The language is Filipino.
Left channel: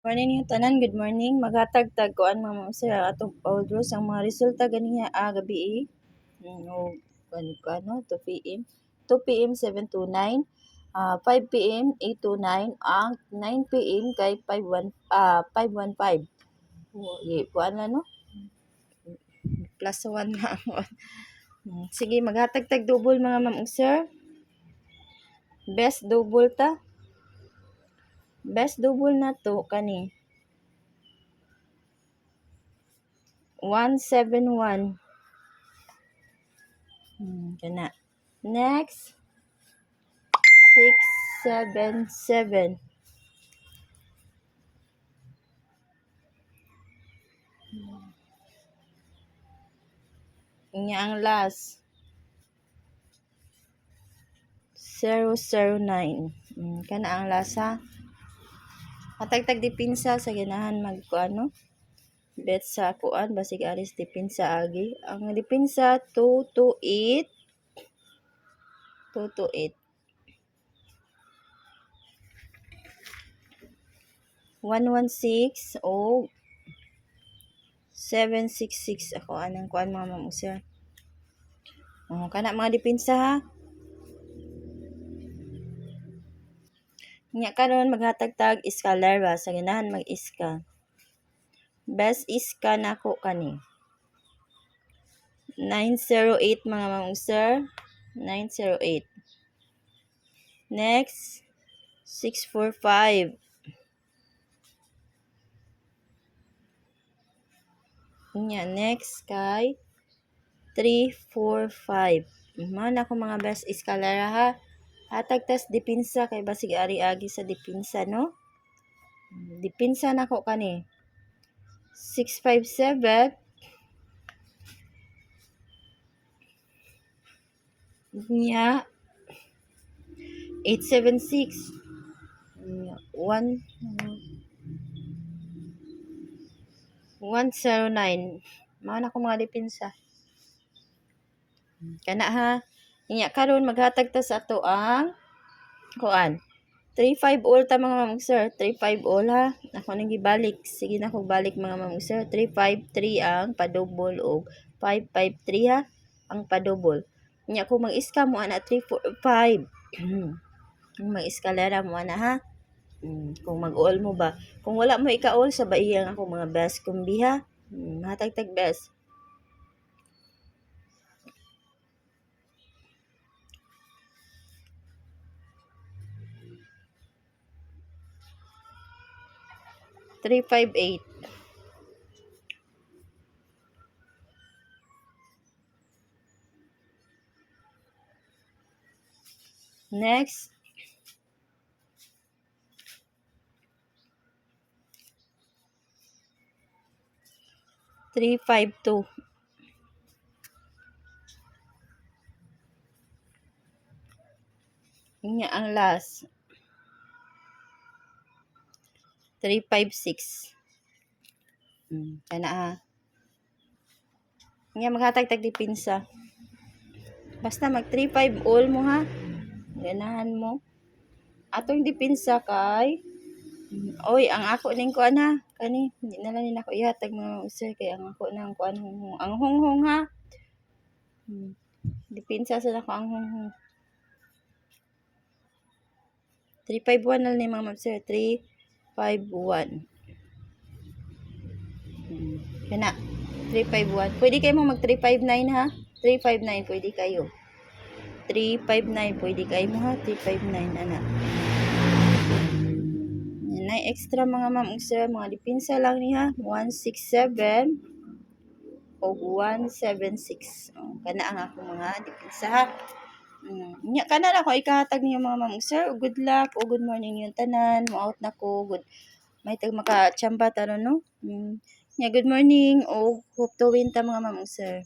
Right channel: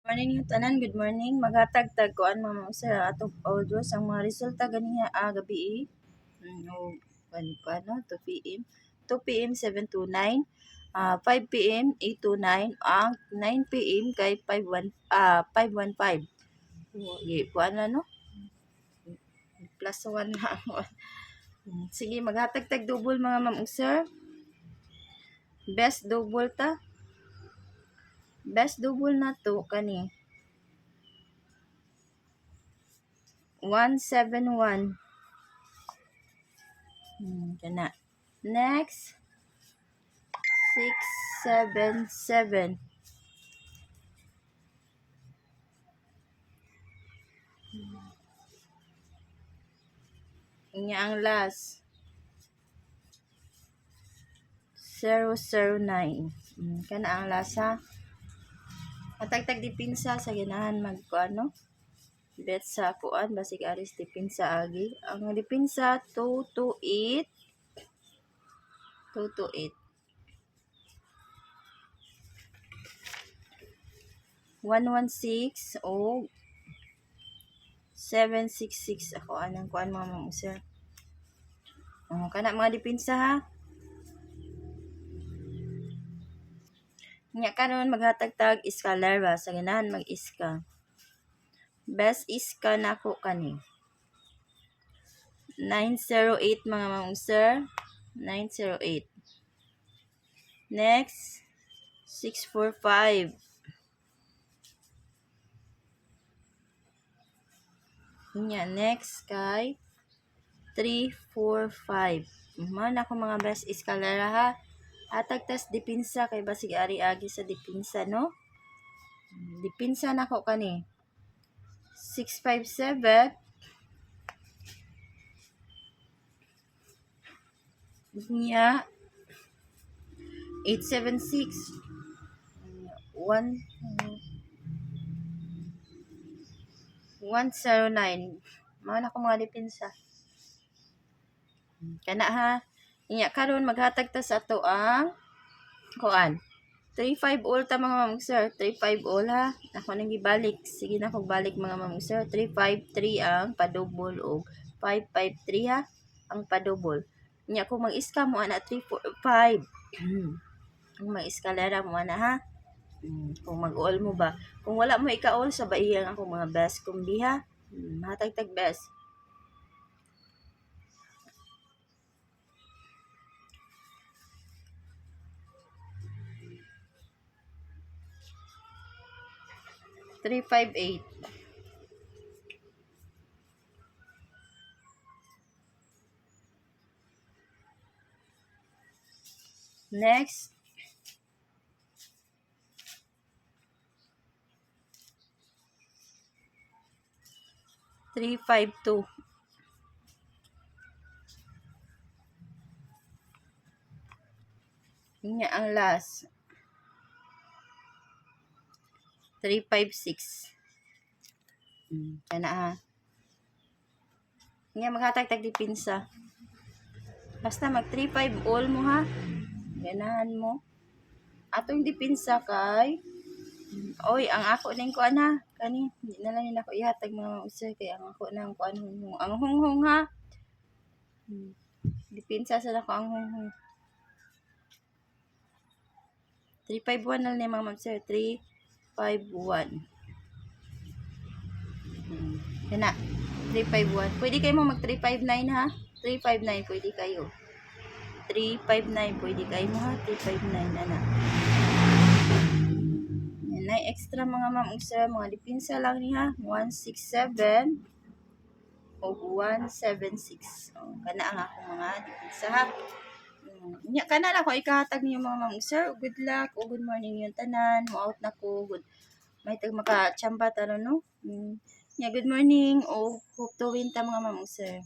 Morning yung tanan, good morning. Maghatag-tag ko ang mga sa atong audios ang mga resulta ganiya gabi o ano 2 PM 2 PM 729 5 PM 829 ang 9 PM kay 515 kuan na no plus 1 na sige maghatag-tag double mga ma'am ug sir. Best double na to kani 171 kana. Next 677 inya ang last 009 kana ang lasa matagtag dipinsa sa ganahan magkuano bet sa kuan basig aris dipinsa agi ang dipinsa 228 116 o 766 ako anang kuan mga ma'am sir. Kana mga dipinsa ha. Nya karon maghatag-tag iskalar ba sa ganahan mag-iska. Best iska nako kani 908 mga ma'am sir. 908. Next 645. Nya next kay 345. Man ako mga best iskalara ha. Hatag tas dipinsa kay basig ari-agi sa dipinsa no. Dipinsa nako kani 657. Nya 876. 109. Mao na ko mga dipinsa. Kana ha. Inya karon maghatag ta sa ato ang kuan. 35 all ta mga ma'am sir. 35 all ha. Ako nang gibalik. Sige na kog balik mga ma'am sir. 353 ang padouble og 553 ha ang padouble. Inya kung mag-iska mo ana 345. Kung mag-eskalera mo ana ha. Kung mag-all mo ba. Kung wala mo ika-all sa baiyang ako mga best kumbi ha. Hatag-tag best. Three, 5, 8. Next. Three, 5, 2. Inya ang last. 3, 5, 6. Kana ha. Inya maghatag-tag dipinsa. Basta mag 3-5 all mo ha. Ganahan mo. Atong dipinsa kay oy, ang ako ning kuan ha. Kani, hindi na lang nila ako ihatag mga usay kay ang ako nang kuan hunghong. Ang hunghong ha. Dipinsa sa nako ang hunghong. 351 na ni mga ma'am sir. 351. Kana. 351. Pwede kayo mo mag 359 ha. 359 pwede kayo. 359 pwede kayo mo ha. 359 ana. Yan ay extra mga ma'am sir. Mga dipinsa lang niya. 167 o 176. Kana ang ako mga dipinsa ha. Nya kana na ko ikahatag niyo mga ma'am sir. Good luck o good morning yung tanan. Mo out na ko. Good. May tag makachamba tano no. Nya good morning o hope to win ta mga ma'am sir.